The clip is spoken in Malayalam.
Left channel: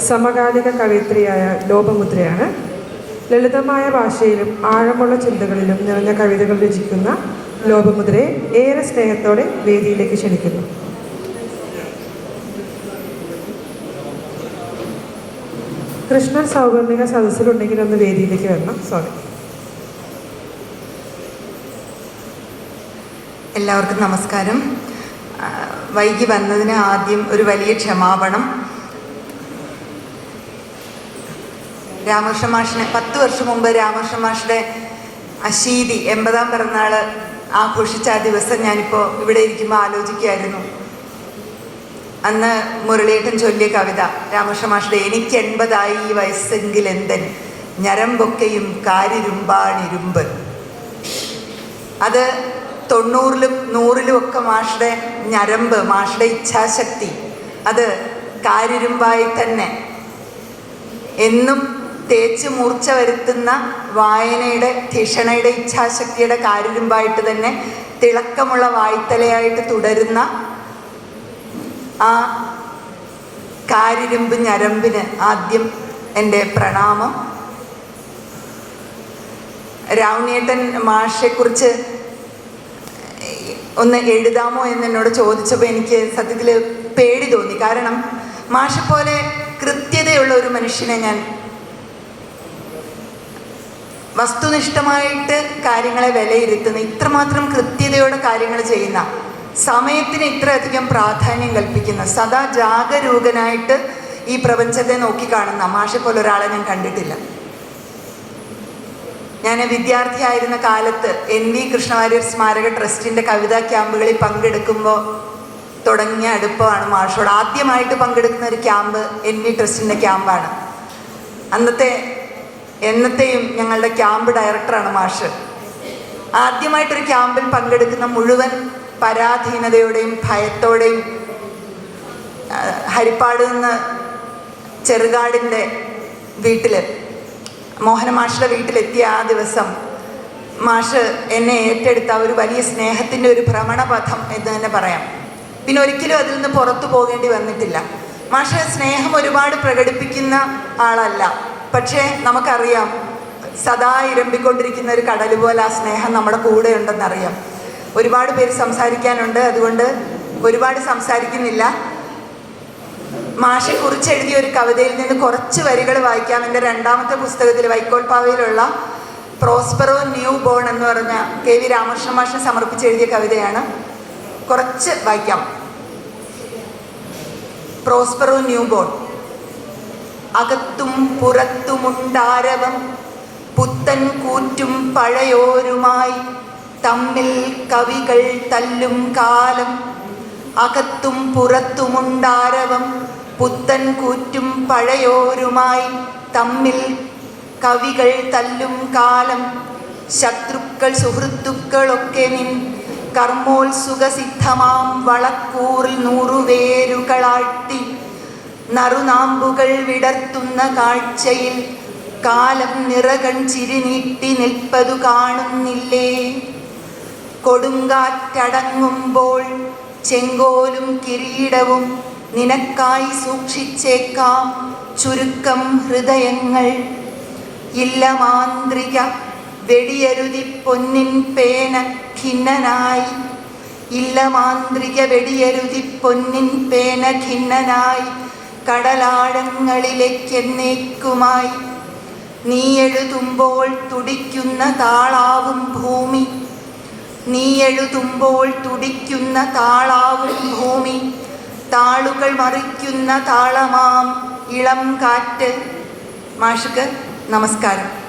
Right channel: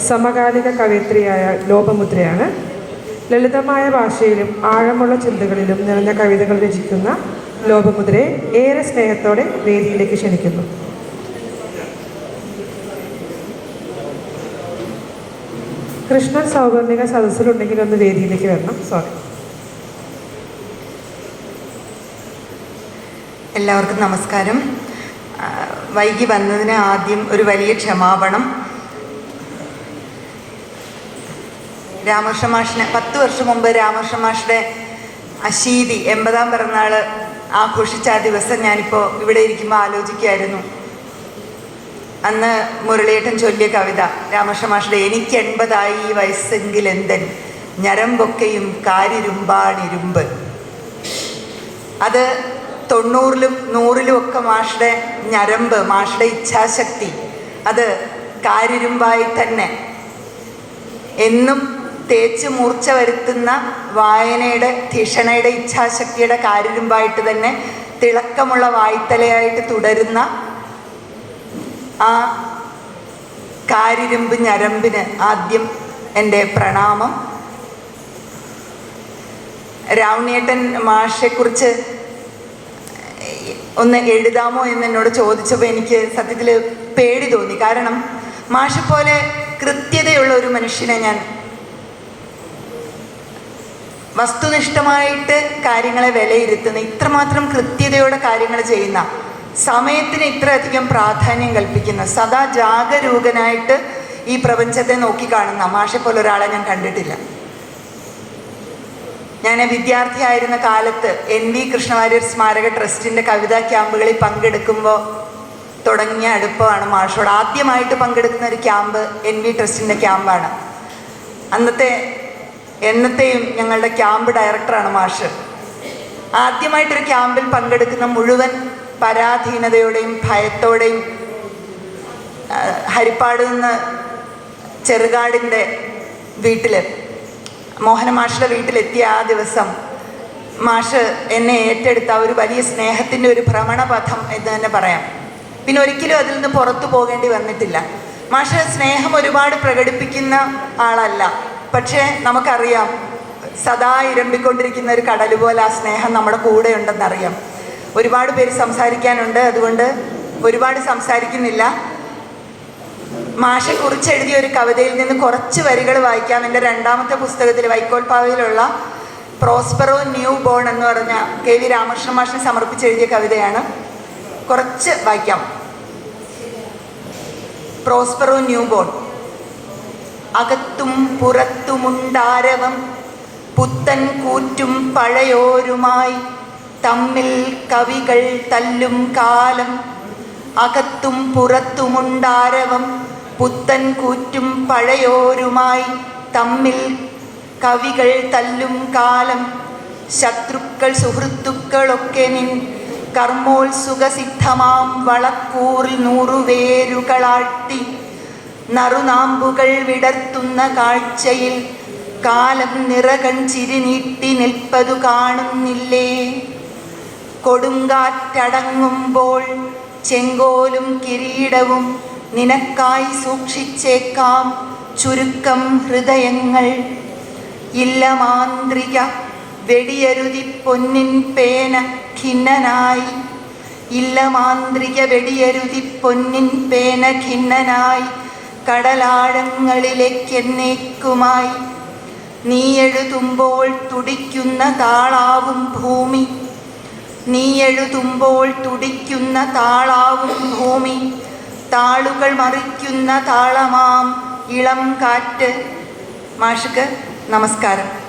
സമകാലിക കവയിത്രിയായ ലോപമുദ്രയാണ്. ലളിതമായ ഭാഷയിലും ആഴമുള്ള ചിന്തകളിലും നിറഞ്ഞ കവിതകൾ രചിക്കുന്ന ലോപമുദ്രയെ ഏറെ സ്നേഹത്തോടെ വേദിയിലേക്ക് ക്ഷണിക്കുന്നു. കൃഷ്ണൻ സൗഗന്ധിക സദസ്സിലുണ്ടെങ്കിൽ ഒന്ന് വേദിയിലേക്ക് വരണം. സോറി എല്ലാവർക്കും നമസ്കാരം. വൈകി വന്നതിന് ആദ്യം ഒരു വലിയ ക്ഷമാപണം. രാമകൃഷ്ണ മാഷിനെ പത്ത് വർഷം മുമ്പ് രാമകൃഷ്ണ മാഷിന്റെ അശീതി എൺപതാം പിറന്നാൾ ആഘോഷിച്ച ആ ദിവസം ഞാനിപ്പോൾ ഇവിടെ ഇരിക്കുമ്പോൾ ആലോചിക്കുകയായിരുന്നു. അന്ന് മുരളിയേട്ടൻ ചൊല്ലിയ കവിത രാമകൃഷ്ണ മാഷിന്റെ എനിക്ക് എൺപതായി ഈ വയസ്സെങ്കിൽ എന്തൻ? ഞരമ്പൊക്കെയും കാരിരുമ്പാണിരുമ്പ്. അത് തൊണ്ണൂറിലും നൂറിലും ഒക്കെ മാഷുടെ ഞരമ്പ് മാഷുടെ ഇച്ഛാശക്തി. അത് കാരിരുമ്പായി തന്നെ. എന്നും തേച്ച് മൂർച്ച വരുത്തുന്ന വായനയുടെ ധിഷണയുടെ ഇച്ഛാശക്തിയുടെ കാരിരുമ്പായിട്ട് തന്നെ തിളക്കമുള്ള വായ്ത്തലയായിട്ട് തുടരുന്ന ആ കാരിരുമ്പ് ഞരമ്പിന് ആദ്യം എന്റെ പ്രണാമം. രാവണേട്ടൻ മാഷെക്കുറിച്ച് ഒന്ന് എഴുതാമോ എന്ന് എന്നോട് ചോദിച്ചപ്പോൾ എനിക്ക് സത്യത്തിൽ പേടി തോന്നി. കാരണം മാഷെ പോലെ കൃത്യതയുള്ള ഒരു മനുഷ്യനെ ഞാൻ വസ്തുനിഷ്ഠമായിട്ട് കാര്യങ്ങളെ വിലയിരുത്തുന്ന ഇത്രമാത്രം കൃത്യതയോടെ കാര്യങ്ങൾ ചെയ്യുന്ന സമയത്തിന് ഇത്രയധികം പ്രാധാന്യം കൽപ്പിക്കുന്ന സദാ ജാഗരൂകനായിട്ട് ഈ പ്രപഞ്ചത്തെ നോക്കിക്കാണുന്ന മാഷെ പോലെ ഒരാളെ ഞാൻ കണ്ടിട്ടില്ല. ഞാൻ വിദ്യാർത്ഥിയായിരുന്ന കാലത്ത് എൻ വി കൃഷ്ണവാര്യർ സ്മാരക ട്രസ്റ്റിന്റെ കവിതാ ക്യാമ്പുകളിൽ പങ്കെടുക്കുമ്പോൾ തുടങ്ങിയ അടുപ്പമാണ് മാഷോട്. ആദ്യമായിട്ട് പങ്കെടുക്കുന്ന ഒരു ക്യാമ്പ് എൻ വി ട്രസ്റ്റിന്റെ ക്യാമ്പാണ്. അന്നത്തെ എന്നത്തെയും ഞങ്ങളുടെ ക്യാമ്പ് ഡയറക്ടറാണ് മാഷ്. ആദ്യമായിട്ടൊരു ക്യാമ്പിൽ പങ്കെടുക്കുന്ന മുഴുവൻ പരാധീനതയോടെയും ഭയത്തോടെയും ഹരിപ്പാട് നിന്ന് ചെറുകാടിന്റെ വീട്ടിൽ മോഹന മാഷിന്റെ വീട്ടിലെത്തിയ ആ ദിവസം മാഷ് എന്നെ ഏറ്റെടുത്ത ഒരു വലിയ സ്നേഹത്തിന്റെ ഒരു ഭ്രമണപഥം എന്ന് തന്നെ പറയാം. പിന്നെ ഒരിക്കലും അതിൽ നിന്ന് പുറത്തു പോകേണ്ടി വന്നിട്ടില്ല. മാഷ് സ്നേഹം ഒരുപാട് പ്രകടിപ്പിക്കുന്ന ആളല്ല. പക്ഷേ നമുക്കറിയാം സദാ ഇരമ്പിക്കൊണ്ടിരിക്കുന്ന ഒരു കടൽ പോലെ ആ സ്നേഹം നമ്മുടെ കൂടെ ഉണ്ടെന്നറിയാം ഒരുപാട് പേര് സംസാരിക്കാനുണ്ട് അതുകൊണ്ട് ഒരുപാട് സംസാരിക്കുന്നില്ല. മാഷെ കുറിച്ച് എഴുതിയ ഒരു കവിതയിൽ നിന്ന് കുറച്ച് വരികൾ വായിക്കാം. എന്റെ രണ്ടാമത്തെ പുസ്തകത്തിൽ വൈക്കോൽ പാവയിലുള്ള പ്രോസ്പെറോ ന്യൂ ബോൺ എന്ന് പറഞ്ഞ കെ വി രാമകൃഷ്ണ മാഷിന് സമർപ്പിച്ച് എഴുതിയ കവിതയാണ്. കുറച്ച് വായിക്കാം. Prospero new born. അകത്തും പുറത്തുമുണ്ടാരവം. പുത്തൻ കൂറ്റും പഴയോരുമായി തമ്മിൽ കവികൾ തല്ലും കാലം. അകത്തും പുറത്തുമുണ്ടാരവം പുത്തൻ കൂറ്റും പഴയോരുമായി തമ്മിൽ കവികൾ തല്ലും കാലം. ശത്രുക്കൾ സുഹൃത്തുക്കളൊക്കെ നിൻ കർമ്മോത്സുഖസിദ്ധമാം വളക്കൂറിൽ നൂറുവേരുകളാട്ടി നറുനാമ്പുകൾ വിടർത്തുന്ന കാഴ്ചയിൽ കാലം നിറകൺ ചിരിനീട്ടി നിൽപ്പതു കാണുന്നില്ലേ? കൊടുങ്കാറ്റടങ്ങുമ്പോൾ ചെങ്കോലും കിരീടവും നിനക്കായി സൂക്ഷിച്ചേക്കാം ചുരുക്കം ഹൃദയങ്ങൾ. ഇല്ല മാന്ത്രിക വെടിയരുതി പൊന്നിൻ പേന ഖിന്നനായി. ഇല്ല മാന്ത്രിക വെടിയരുതി പൊന്നിൻ പേന ഖിന്നനായി. കടലാഴങ്ങളിലേക്കെന്നേക്കുമായി നീ എഴുതുമ്പോൾ തുടിക്കുന്ന താളാവും ഭൂമി. നീ എഴുതുമ്പോൾ തുടിക്കുന്ന താളാവും ഭൂമി. താളുകൾ മറിക്കുന്ന താളമാം ഇളം കാറ്റ്. മാഷ്ക്ക് നമസ്കാരം.